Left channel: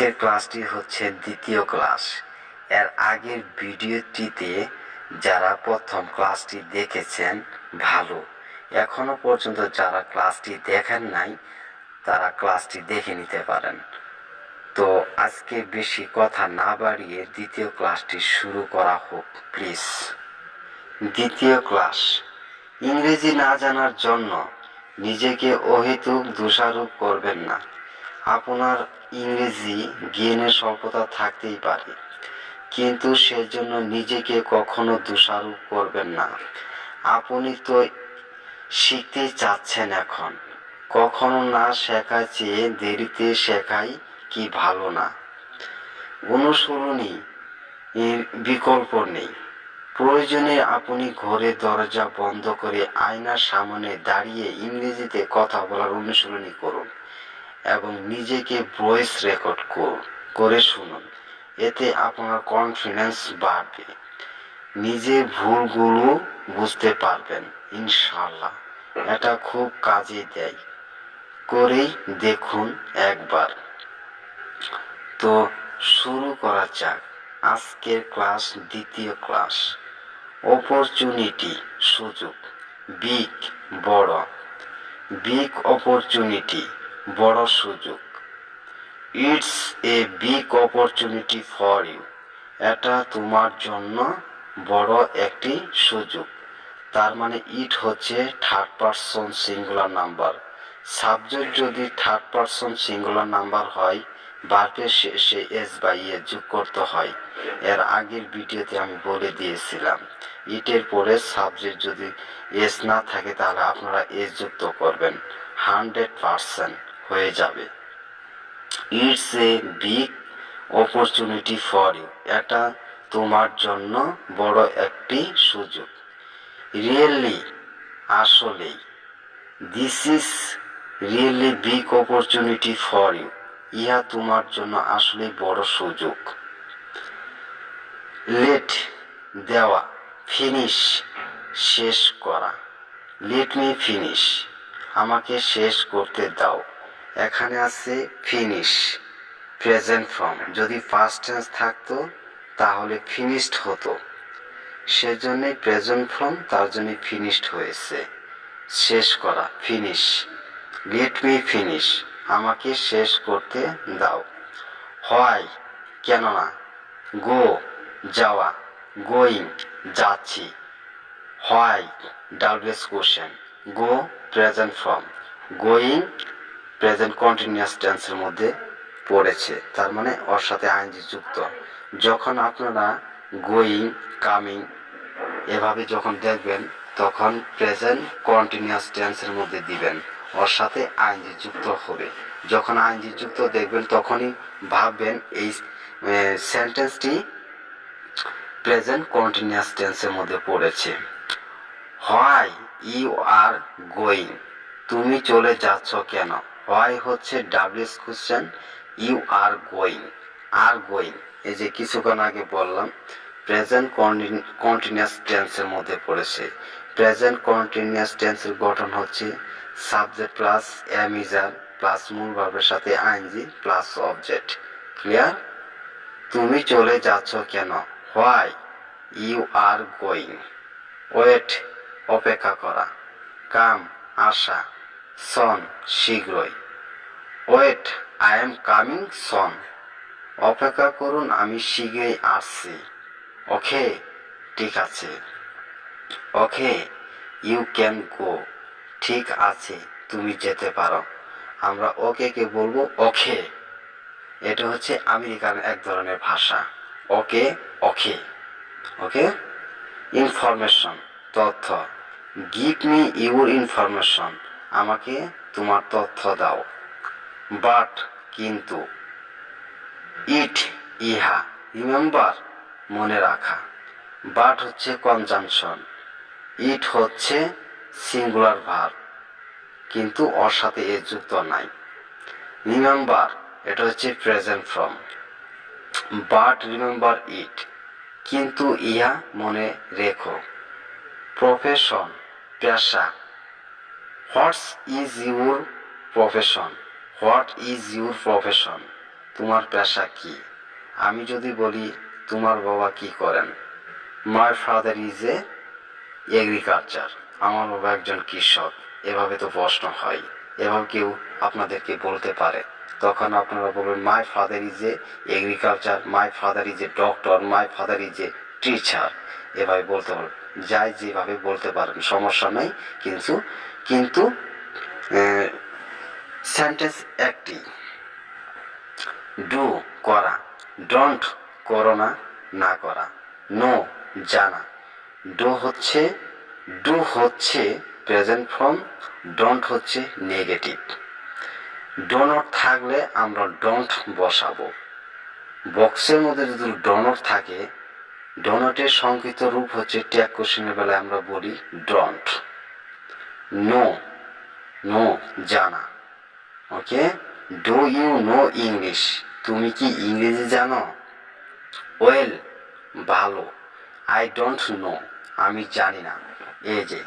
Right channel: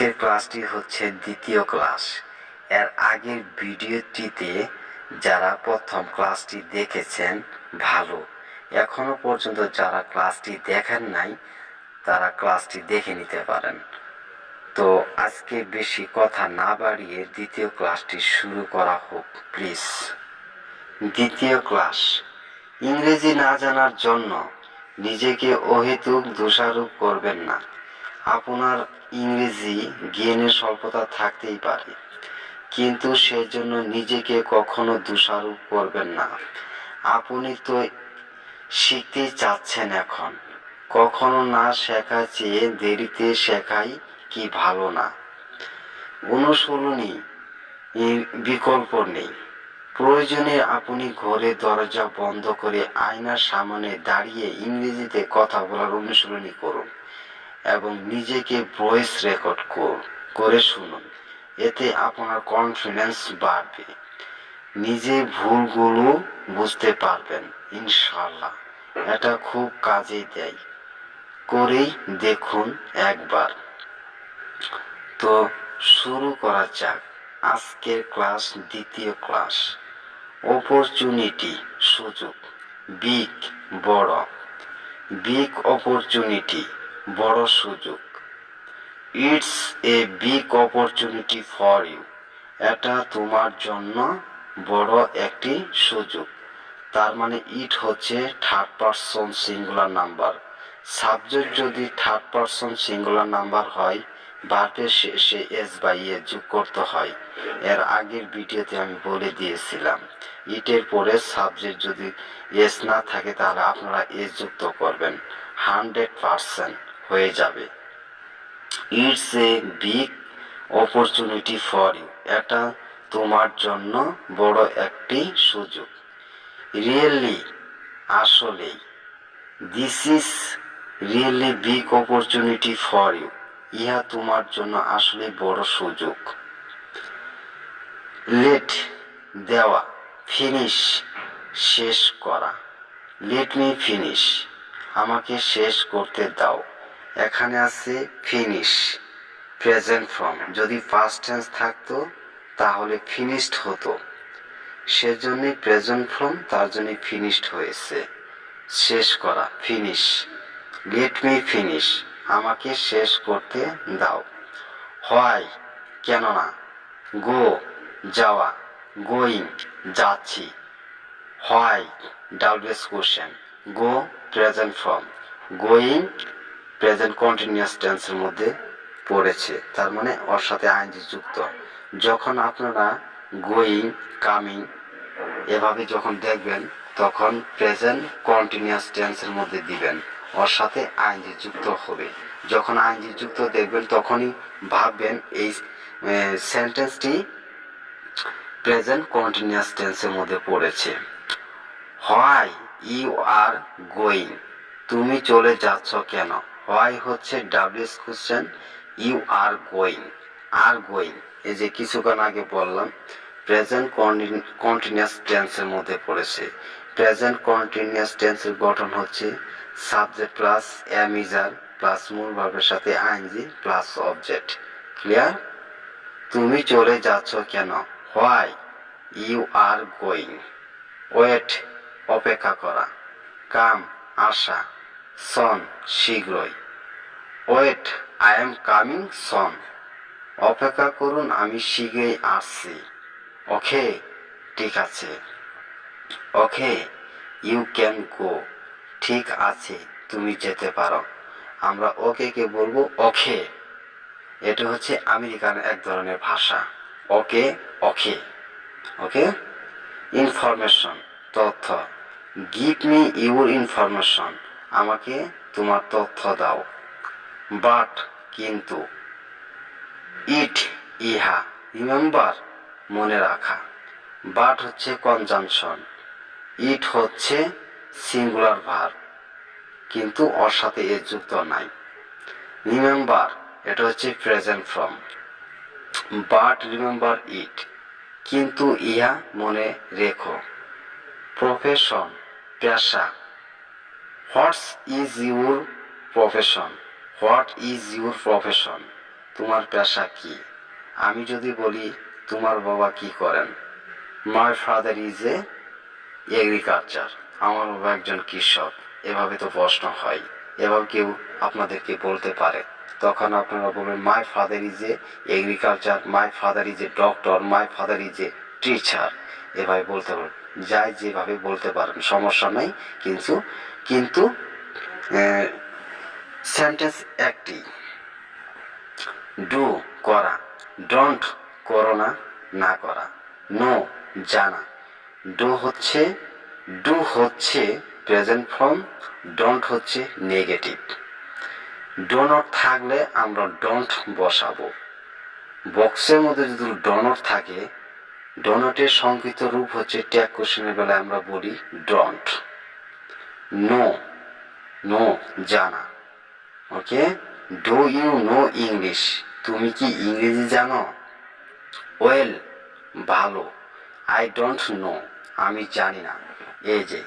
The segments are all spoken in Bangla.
আজকের ক্লাসটি হচ্ছে দ্বিতীয় ক্লাস। এর আগের ভিডিওটিতে যারা প্রথম ক্লাসটি দেখেছেন ভালো, এখনো পর্যন্ত যারা ক্লাসটি দেখেন নাই তারা ক্লাসটি দেখে নিতে পারেন। তো আজকে বেশি কথা না বাড়িয়ে দ্বিতীয় ক্লাসটি শুরু করা হোক প্লিজ। দ্বিতীয় ক্লাস। ইংরেজি না জানার জন্য নিজেকে অহেতুক দোষারোপ করবেন না। আপনার ইংরেজি জ্ঞানের স্বল্পতা থাকতেই পারে, কিন্তু সেজন্য নিজেকে কখনো দোষারোপ করবেন না। আপনি তো শিখতেই চাচ্ছেন এখন, কখনো না শেখা চেয়ে দেরিতে শেখাই কি ভালো না? অনুশীলনী বিকল্প নেই। প্রয়োজনে আপনি ঘরের দরজা বন্ধ করে আয়নার সামনে দাঁড়িয়ে ইংরেজিতে কথা বলার অনুশীলনী করুন এবং নিজেকে ভয়েস রেকর্ড করে শুনুন। এতে আপনার কনফিডেন্স বাড়বে, নিজের ভুলগুলো বুঝতে পারবেন ইনশাআল্লাহ। এটা খুব কাজে দেয়, করেই দেখুন একবার। তো শুরু করা যাক আজকের ক্লাস। দ্বিতীয় ক্লাস। অপরচুনিটি সুযোগ। বিগ বড়, বিগ অপরচুনিটি বড় সুযোগ। It's a big opportunity for you, এটা তোমার জন্য বড় একটি সুযোগ। তার মানে ইট হচ্ছে third person singular number. Subject যদি থার্ড পারসন সিঙ্গুলার নাম্বার হয়, ভার্বের শেষে এস বা ইয়ে যোগ করতে হয়। এর আগের ভিডিওতে আমি বলে দিয়েছিলাম, ইটের পরে সাবজেক্ট যদি এস না থাকে তাহলে আপনারা এস যুক্ত করবেন, 100% হয়ে যাবে। It's a big opportunity for you, এটা তোমার জন্য বড় একটি সুযোগ। রিয়েলি আসলেই, this is really big opportunity for you, ইহা তোমার জন্য আসলে বড় সুযোগ। লেট দেওয়া, ফিনিশ শেষ করা। লেট মি ফিনিশ, আমাকে শেষ করতে দাও। এখানে আছে ফিনিশ, প্রেজেন্ট ফর্ম। যদি পাস্ট টেন্স থাকতো তাহলে ফিনিশড হতো, সেজন্যই প্রেজেন্ট ফর্ম, তার জন্য ফিনিশড হয়েছে। শেষ করা, ফিনিশ। লেট মি ফিনিশ, আমাকে শেষ করতে দাও। হয়, কেননা। গো যাওয়া, গোয়িং যাচ্ছি। হয় WH question. Go present form, going present continuous টেন্সের মধ্যে পড়েছে, তার মানে ওর সাথে আইএনজি যুক্ত। যখন আপনারা গোয়িং, কামিং এভাবে যখন দেখবেন তখন প্রেজেন্ট কন্টিনিউয়াস টেন্সের মধ্যে দিবেন, ওর সাথে আইএনজি যুক্ত হবে। যখন আইএনজি যুক্ত দেখবেন তখনই ভাববেন এই সেন্টেন্সটি প্রেজেন্ট কন্টিনিউয়াস টেন্সের মধ্যে পড়েছে। হোয়াই ইউ আর গোয়িং, তুমি চলে যাচ্ছ কেন। হোয়াই হচ্ছে WH question, you are going, are going এই যে কিছুক্ষণ আগে বললাম প্রেজেন্ট কন্টিনিউয়াস টেন্সের মধ্যে পড়েছে। প্রেজেন্ট কন্টিনিউয়াস টেন্সের গঠন হচ্ছে সাবজেক্ট প্লাস এম ইজার প্লাস মূল ভার্বের সাথে আইএনজি প্লাস অবজেক্ট। ক্লিয়ার? তুমি চলে যাচ্ছ কেন, why you are going. Wait অপেক্ষা করা, কাম আসা, সন শীঘ্রই। Wait I am coming soon, অপেক্ষা করুন আমি শীঘ্রই আসছি। ওকে ঠিক আছে। ওকে ইউ ক্যান গো, ঠিক আছে তুমি যেতে পারো। আমরা ওকে কে বলবো ওকে, এটা হচ্ছে আমেরিকান এক ধরনের ভাষা। ওকে ওকে ওকে। ইনফরমেশন তথ্য, গিভ মি ইউর ইনফরমেশন, আমাকে তোমার তথ্য দাও। বাট কিন্তু, ইট ইহা, রিমেম্বার মনে রাখা। বাট হচ্ছে কনজাংশন, ইট হচ্ছে সিঙ্গুলার ভার্ব কিন্তু ওর সাথে এ যুক্ত নাই। রিমেম্বার এটা হচ্ছে present form. But remember it, কিন্তু ইহা মনে রেখো। প্রফেশন পেশা, what's is your profession, what is your profession, তোমার পেশা কি? আমি যদি বলি তোমার বাবা কি করেন, my father is a agriculture, আমার বাবা একজন কৃষক, এভাবে তো প্রশ্ন হয়। এভাবে কেউ আপনাদেরকে বলতে পারে, তখন আপনারা বলবেন my father is a agriculture, my father is a doctor, my father is a teacher, এভাবে বলতে পারেন। যাই যেভাবে বলতে পারেন, সমস্যা নেই। কিন্তু কিন্তু সেন্টেন্স একটি। ডু করা, ডোন্ট করো না, না করা। নো জানা, ডু হচ্ছে প্রেজেন্ট ফর্ম, ডোন্ট হচ্ছে নেগেটিভ। ডো নট থাকলে আমরা ডোন্ট বসাবো। বক্সের মধ্যে যদি ডো নট থাকে, ডো নটের সংক্ষিপ্ত রূপ হচ্ছে ট্যাগ কোশ্চেনের বেলায় আমরা বলি ডোন্ট। নো, নো জানা। ওকে, ডু ইউ নো ইংলিশ, তুমি কি ইংরেজি জানো? ওয়েল ভালো। আই ডোন্ট নো, আমি জানি না। এই যে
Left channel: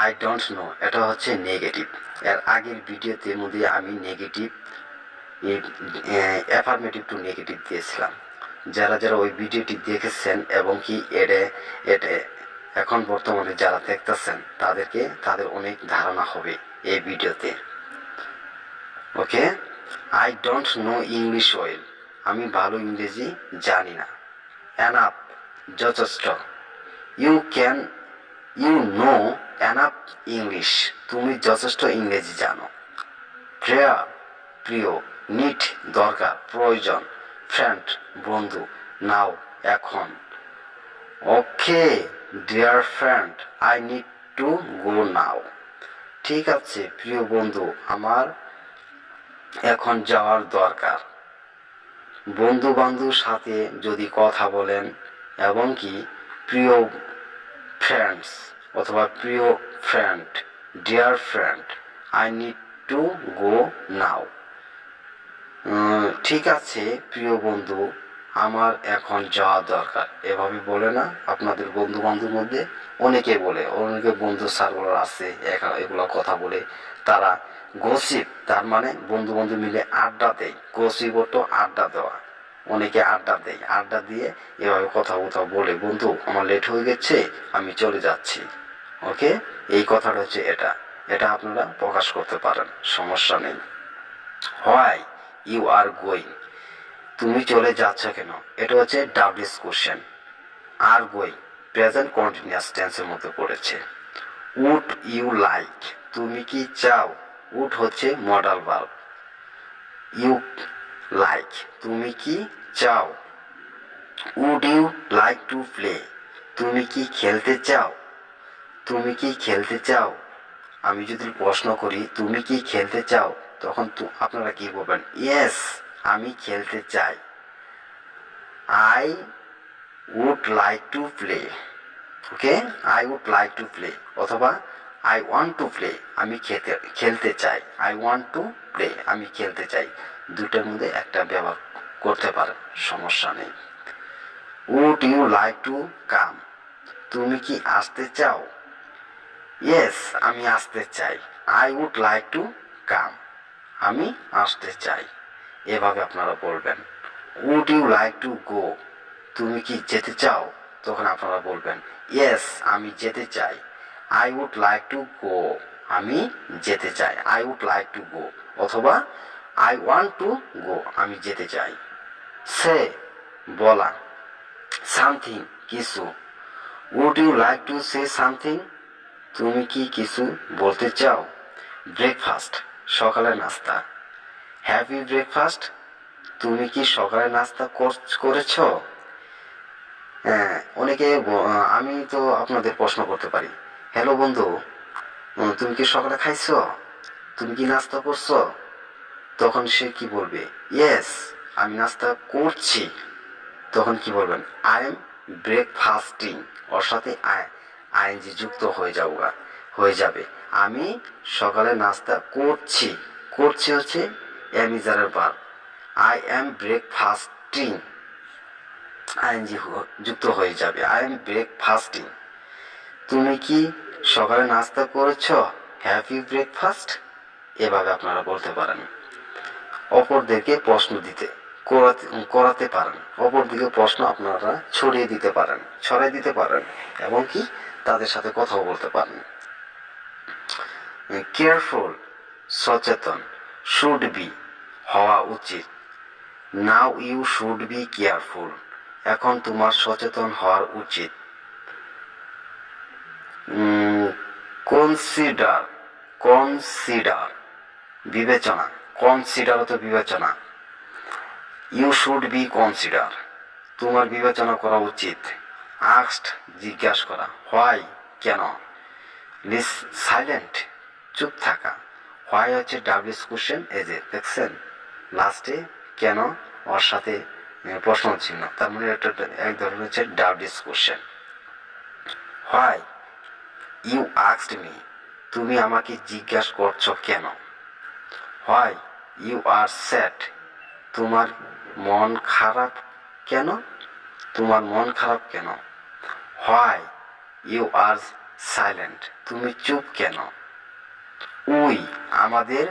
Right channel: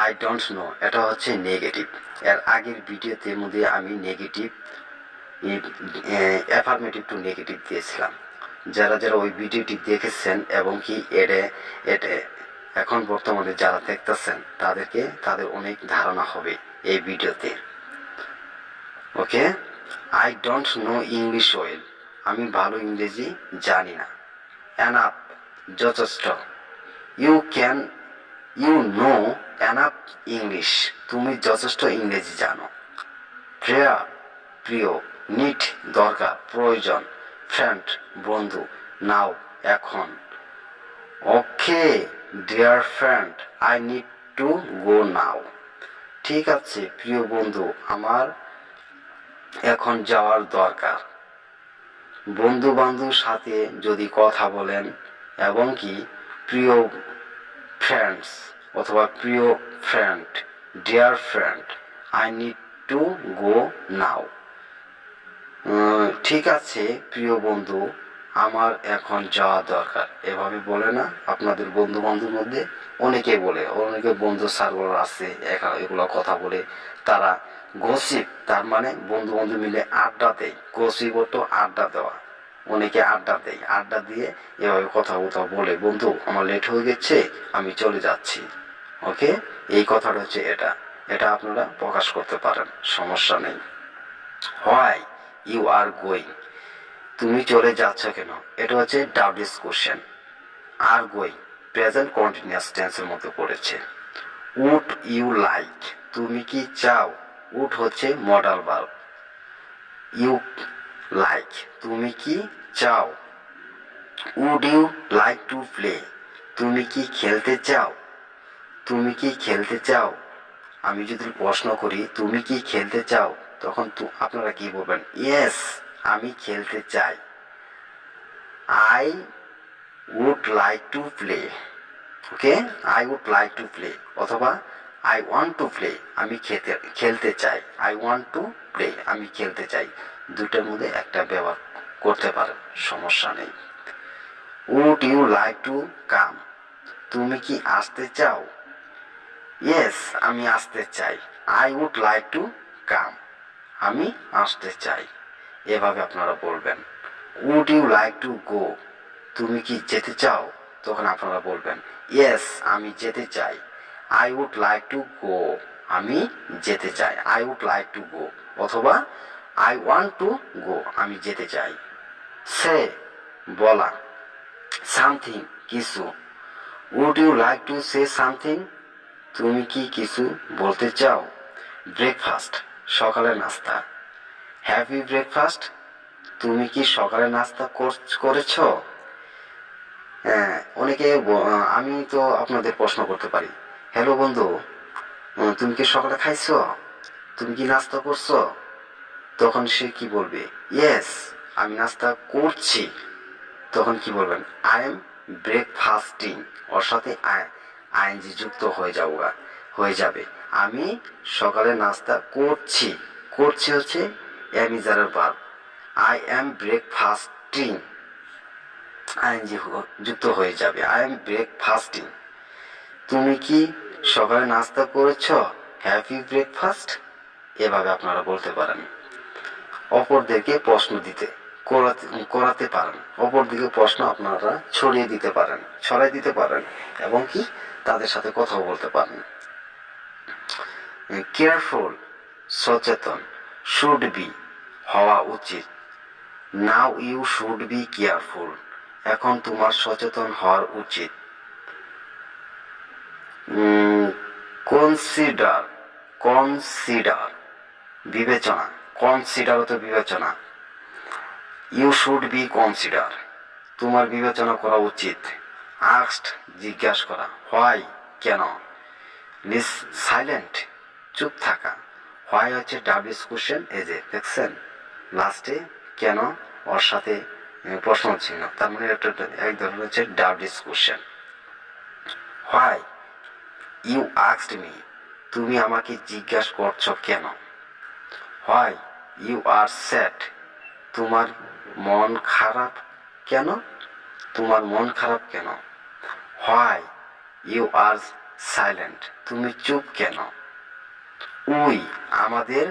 আই ডোন্ট নো, এটা হচ্ছে নেগেটিভ। এর আগের ভিডিওতে মধ্যে আমি নেগেটিভ অ্যাফার্মেটিভ টু নেগেটিভ দিয়েছিলাম। যারা যারা ওই ভিডিওটি দেখেছেন এবং কি এটা এখন বর্তমানে যারা দেখতেছেন তাদের অনেক ধারণা হবে এই ভিডিওতে। Okay, I don't know English well, আমি ভালো ইংরেজি জানি না। এনাফ যথেষ্ট। ইউ নো এনাফ ইংলিশ, তুমি যথেষ্ট ইংরেজি জানো। প্রেয়ার প্রিয়, নিড দরকার প্রয়োজন, ফ্রেন্ড বন্ধু, নাও এখন। Okay dear friend, I need to go now. ঠিক আছে প্রিয় বন্ধু, আমার এখন যাওয়ার দরকার। বন্ধু বান্ধব সাথে যদি কথা বলেন এবং কি প্রিয় ফ্রেন্ডস অথবা প্রিয় friend, dear friend, I need to go now. ঠিক আছে প্রিয় বন্ধু, আমার এখন যাওয়া দরকার। এভাবে বলে না আপনাদের বন্ধু বান্ধবের মধ্যে? অনেকে বলে, অনেকে বন্ধু সার্কেল আছে এগুলো কথা বলে। তারা গসিপ, তার মানে বন্ধু বান্ধব মিলে আড্ডা দেয়। গসিপ তো আড্ডা দেওয়া, অনেকে আড্ডা দেয়, আড্ডা দিয়ে এভাবে কথা বলে, বন্ধু আমার লেট হয়ে গেছে, আমি চলে যাচ্ছি। ওকে, এই কথাটা হচ্ছে এটা আপনারা প্রকাশ করতে পারেন, সমস্যা নেই। হোয়াই ইউ আর গোয়িং, তুমি চলে যাচ্ছ কেন? এটা হচ্ছে WH question. Are going present continuous টেন্সের মধ্যে পড়েছে। উড ইউ লাইক, তুমি কি চাও? উড হচ্ছে মডাল ভার্ব। ইউ লাইক, তুমি কি চাও? Would you like to play, তুমি কি খেলতে চাও? তুমি কি খেলতে চাও? আমি যদি প্রশ্ন করি তুমি কি খেলতে চাও, তখন আপনারা কি বলবেন? ইয়েস, আমি খেলতে চাই। I would like to play. Okay, I would like to play অথবা আই ওয়ান্ট টু প্লে, আমি খেলতে চাই। আই ওয়ান্ট টু প্লে, আমি খেলতে চাই। দুটার মধ্যে একটা ব্যবহার করতে পারেন, সমস্যা নেই। Would you like to come, তুমি কি আসতে চাও? ইয়েস, আমি আসতে চাই। I would like to come, আমি আসতে চাই। এভাবে আপনারা বলবেন। Would you like to go, তুমি কি যেতে চাও? তখন আপনারা বলবেন ইয়েস, আমি যেতে চাই। I would like to go, আমি যেতে চাই। I would like to go অথবা আই ওয়ান্ট টু গো, আমি যেতে চাই। সে বলা, সামথিং কিছু। Would you like to say something, তুমি কি কিছু বলতে চাও? ব্রেকফাস্ট সকালের নাস্তা। হ্যাভ ইউ ব্রেকফাস্ট, তুমি কি সকালে নাস্তা করেছ? হ্যাঁ, অনেকে আমি তো আপনাদের প্রশ্ন করতে পারি, হ্যালো বন্ধু, তুমি কি সকালে খাইছো? তুমি কি নাস্তা করছো? তখন সে কি বলবে? ইয়েস, আমি নাস্তা করছি। তখন কি বলবেন? আই এম ব্রেকফাস্টিং, ওর সাথে আইএনজি যুক্ত হয়ে যাবে। আমি সকালে নাস্তা করছি। করছি হচ্ছে এমিজারের verb. I am breakfasting, ING যুক্ত হয়ে যাবে। I am breakfasting. তুমি কি সকালে নাস্তা করেছ? Have you breakfast? এভাবে আপনারা বলতে পারেন। অপরদেরকে প্রশ্ন দিতে করাতে পারেন। অপরদিকে প্রশ্ন আপনারা ছড়াই দিতে পারেন এবং কি তাদের সাথে কথাও বলতে পারেন। কেয়ারফুল সচেতন, শুড বি হওয়া উচিত। Now you should be careful, এখন তোমার সচেতন হওয়ার উচিত। কনসিডার বিবেচনা, কনসিডার তো বিবেচনা। ইউ শুড বি কনসিডার, তোমার বিবেচনা করা উচিত। আস্কড জিজ্ঞাসা করা, হোয়াই কেন। সাইলেন্ট চুপ থাকা, হোয়াই হচ্ছে ডাব্লিউএস কোশ্চেন, এই যে দেখছেন লাস্টে কেন ওর সাথে প্রশ্ন চিহ্ন, তার মানে এটা এক ধরনের হচ্ছে WH question. Why you asked me, তুমি আমাকে জিজ্ঞাসা করছো কেন। হোয়াই ইউ আর স্যাড, তোমার মন খারাপ কেন, তোমার মন খারাপ কেন। হোয়াই ইউ আর সাইলেন্ট, তুমি চুপ কেন। উই আমাদের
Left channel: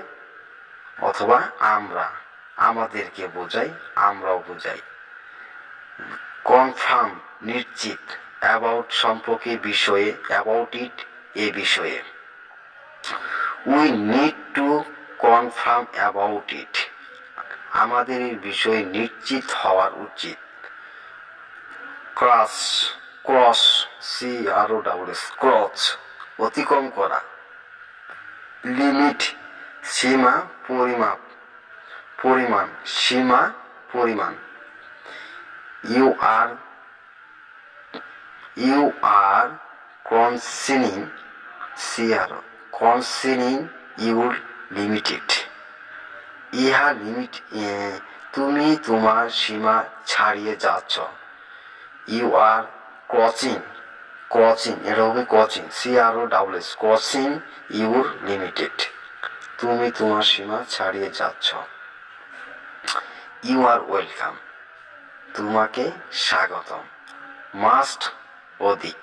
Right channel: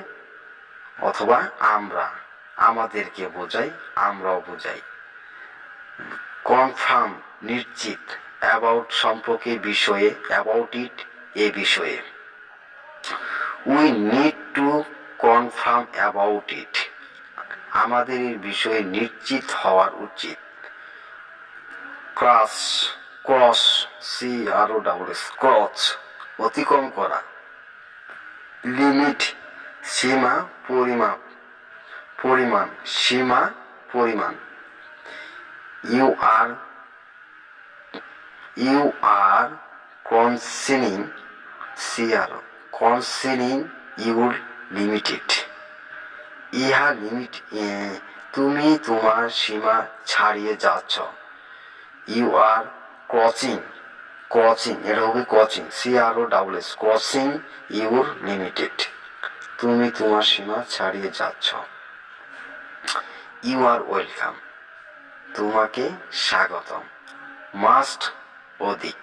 অথবা আমরা, আমাদেরকে বোঝাই, আমরাও বোঝাই। কনফার্ম নিশ্চিত, অ্যাবাউট সম্পর্কে, বিষয়ে, অ্যাবাউট ইট এ বিষয়ে। We need to confirm about it, আমাদের এই বিষয়ে নিশ্চিত হওয়ার উচিত। ক্রস ক্রস অতিক্রম করা। লিমিট সীমা, পরিমাণ সীমা, পরিমাণ। You are concerning your limited. ইহা লিমিট, তুমি তোমার সীমা ছাড়িয়ে যাচ্ছ। ইউ আর ক্রসিং, এটা হবে ক্রসিং, ক্রসিং ইউর লিমিটেড, তুমি তোমার সীমা ছাড়িয়ে যাচ্ছ। ইউ আর ওয়েলকাম, তোমাকে স্বাগতম। মাস্ট অধিক,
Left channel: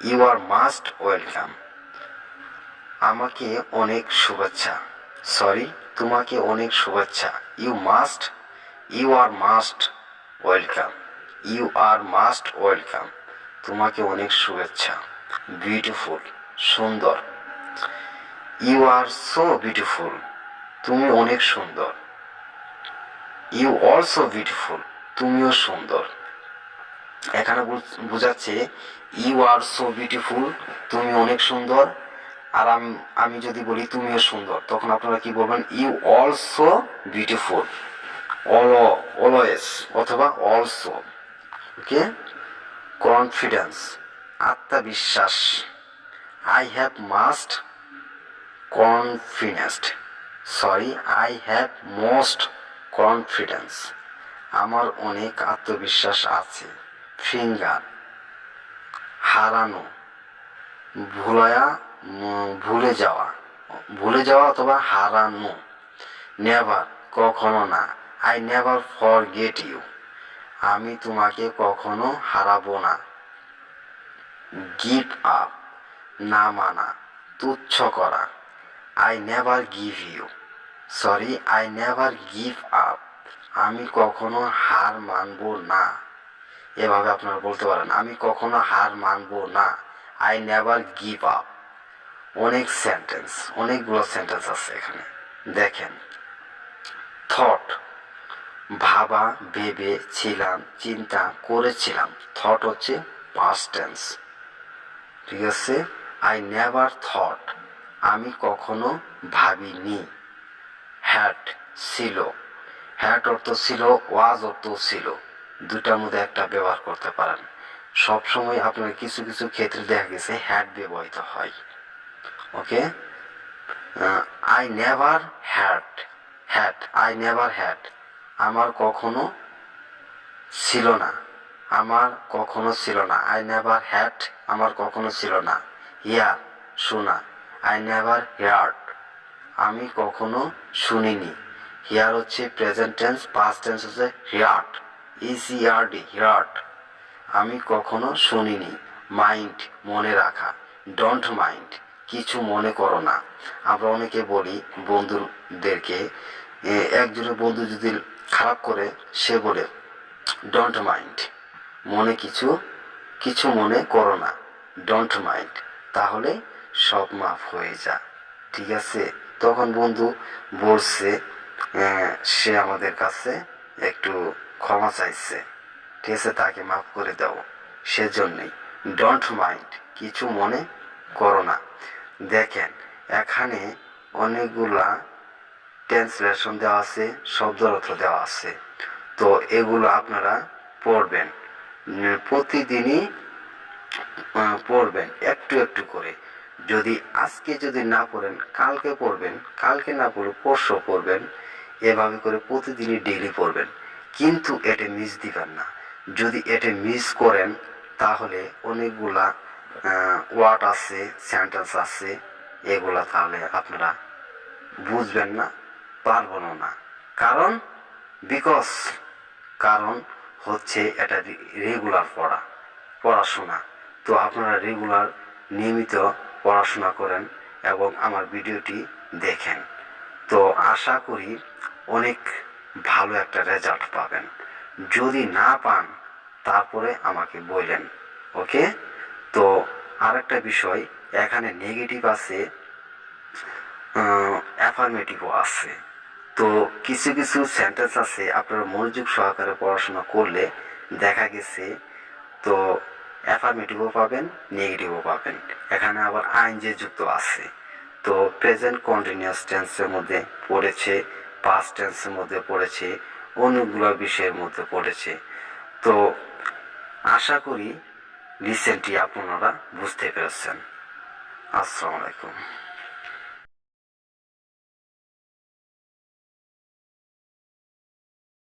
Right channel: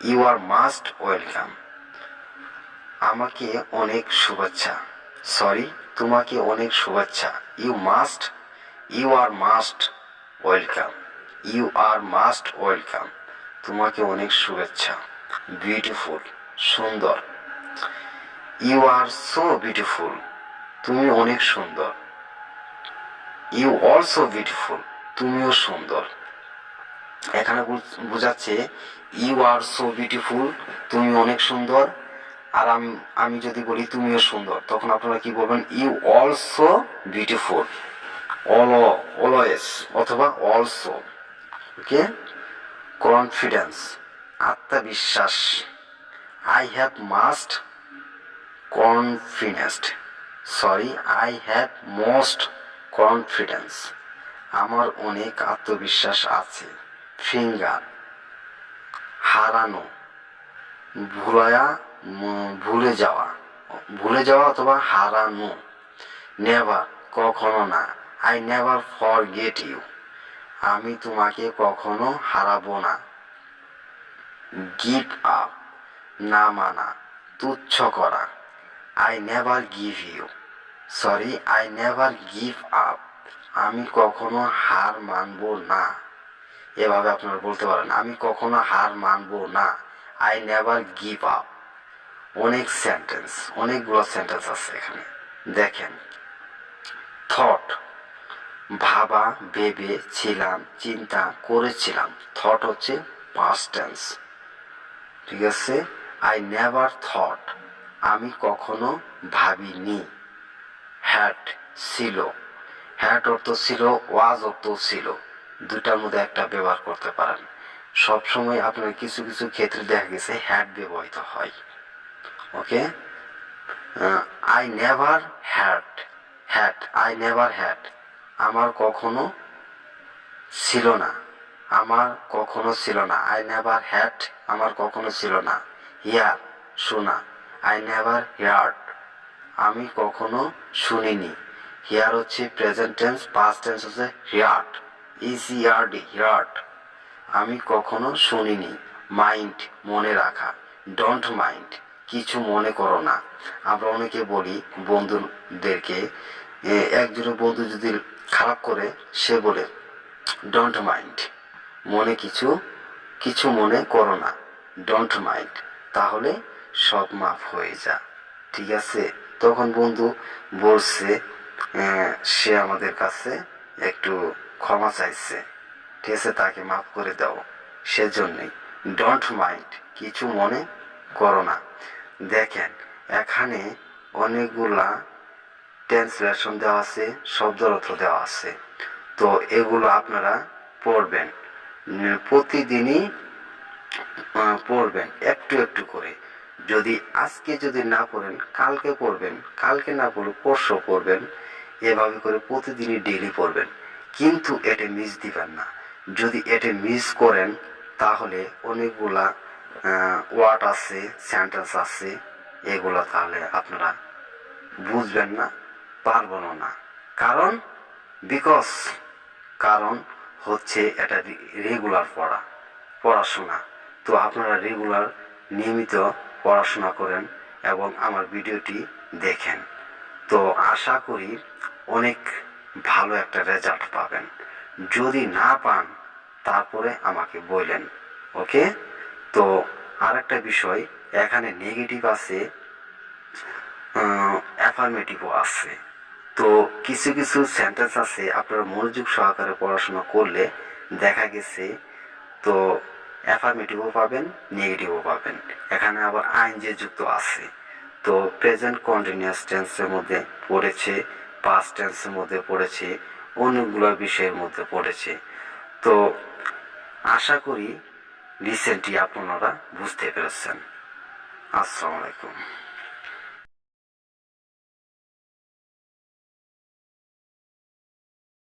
ইউ আর মাস্ট ওয়েলকাম, আমাকে অনেক শুভেচ্ছা, তোমাকে অনেক শুভেচ্ছা। ইউ আর মাস্ট ওয়েলকাম, তোমাকে অনেক শুভেচ্ছা। বিউটিফুল সুন্দর। ইউ আর সো বিউটিফুল, তুমি অনেক সুন্দর। ইউ অলসো বিউটিফুল, তুমিও সুন্দর। এখানে বোঝাচ্ছে ইউ আর সো বিউটিফুল, তুমি অনেক সুন্দর। আর আমি যদি বলি তুমিও সুন্দর, তখন আপনারা কি বলবেন, ইউ অলসো বিউটিফুল, অলওয়েজ অথবা অলসো। ওকে। কনফিডেন্স আত্মবিশ্বাস। আই হ্যাভ মোস্ট কনফিডেন্স, আমার অনেক আত্মবিশ্বাস আছে। ফিঙ্গার হারানো, ভুলে যাওয়া অথবা হারানো। নেভার কখনো না। আই নেভার ফরগেট ইউ, আমি তোমাকে কখনো হারাবো না। গিভ আপ না মানা, তুচ্ছ করা। আই নেভার গিভ আপ, আমি কখনো হার মানবো না। এভাবে আপনারা বলতে পারেন, আমি কখনো হার মানবো না। I never give up. অনেকগুলো সেন্টেন্স আছে এখানে, দেখেন। থট ভাবা, ভেবেছিলাম, চিন্তা করেছিলাম। থট হচ্ছে পাস্ট টেন্স, ঠিক আছে। আই নেভার থট, আমি কখনো ভাবিনি। হ্যাড ছিল, হ্যাড অর্থ ছিল, ওয়াজ অর্থ ছিল, দুটার মধ্যে একটা ব্যবহার করতে পারেন। সবসময় আপনার কিছু কিছু ক্ষেত্রে দেখা গেছে হ্যাড ব্যবহৃত হয়। ওকে। আই নেভার হ্যাড, আমার কখনো ছিল না, আই নেভার হ্যাড, আমার কখনো ছিল না। হিয়ার শোনা, আই নেভার হিয়ার্ড, আমি কখনো শুনিনি। হিয়ার হচ্ছে প্রেজেন্ট টেন্স, পাস্ট টেন্স হচ্ছে হিয়ার্ড, হিয়ার্ড, আমি কখনো শুনিনি। মাইন্ড মনে রাখা, ডোন্ট মাইন্ড কিছু মনে করো না। আমরা অনেকে বলি বন্ধুদেরকে, একজনের বন্ধু যদি খারাপ করে সে বলে ডোন্ট মাইন্ড, মনে কিছু কিছু মনে করো না, ডোন্ট মাইন্ড, তাহলে সব মাফ হয়ে যা। ঠিক আছে, তখন বন্ধু বলছে সে আমাদের কাছে একটু ক্ষমা চাইছে, ঠিক আছে, তাকে মাফ করে দাও। সেজন্যই ডোন্ট মাইন্ড, কিছু মনে করো না। দেখেন এখানে অনেকগুলা ট্রান্সলেশন দেওয়া আছে, শব্দ অর্থ দেওয়া আছে, তো এগুলো আপনারা পড়বেন, প্রতিদিনই পড়বেন একটু একটু করে। যদি আজকে যদি না পড়েন কালকে পড়বেন, কালকে না পড়লে পরশু পড়বেন, এভাবে করে প্রতিদিনই ডেইলি পড়বেন। কিন্তু এটা মিস দিবেন না, যদি এটা মিস করেন তাহলে অনেকগুলা ওয়ার্ড আছে, সেন্টেন্স আছে, এগুলা তাহলে আপনারা বুঝবেন না, পারবেন না। কারণ বিকজ কারণ হচ্ছে এটা রেগুলার পড়াশোনা। তো আপনারা রেগুলার নিয়মিত পড়াশোনা করেন এবং আমার ভিডিওটি দেখেন, তো আশা করি অনেক ভালো একটা রেজাল্ট পাবেন। যদি না পান তারপরে আমাকে বললেন, ওকে। তো আরেকটা বিষয়, এখানে নেগেটিভ আছে, অ্যাফার্মেটিভও আছে। তো কিছু কিছু সেন্টেন্স আছে আপনারা মনোযোগ সহকারে পড়াশোনা করলে দেখা গেছে তো অ্যাফার্মেটিভও পাবেন, নেগেটিভও পাবেন। এখানে আবার আইনজে যুক্ত আছে, তো প্রেজেন্ট কন্টিনিউয়াস টেন্সের মধ্যে পড়েছে, পাস্ট টেন্সের মধ্যে পড়েছে, অনেকগুলো বিষয়ের মধ্যে পড়েছে। তো আশা করি রিসেন্টলি আপনারা বুঝতে পেরেছেন। আসসালামু আলাইকুম।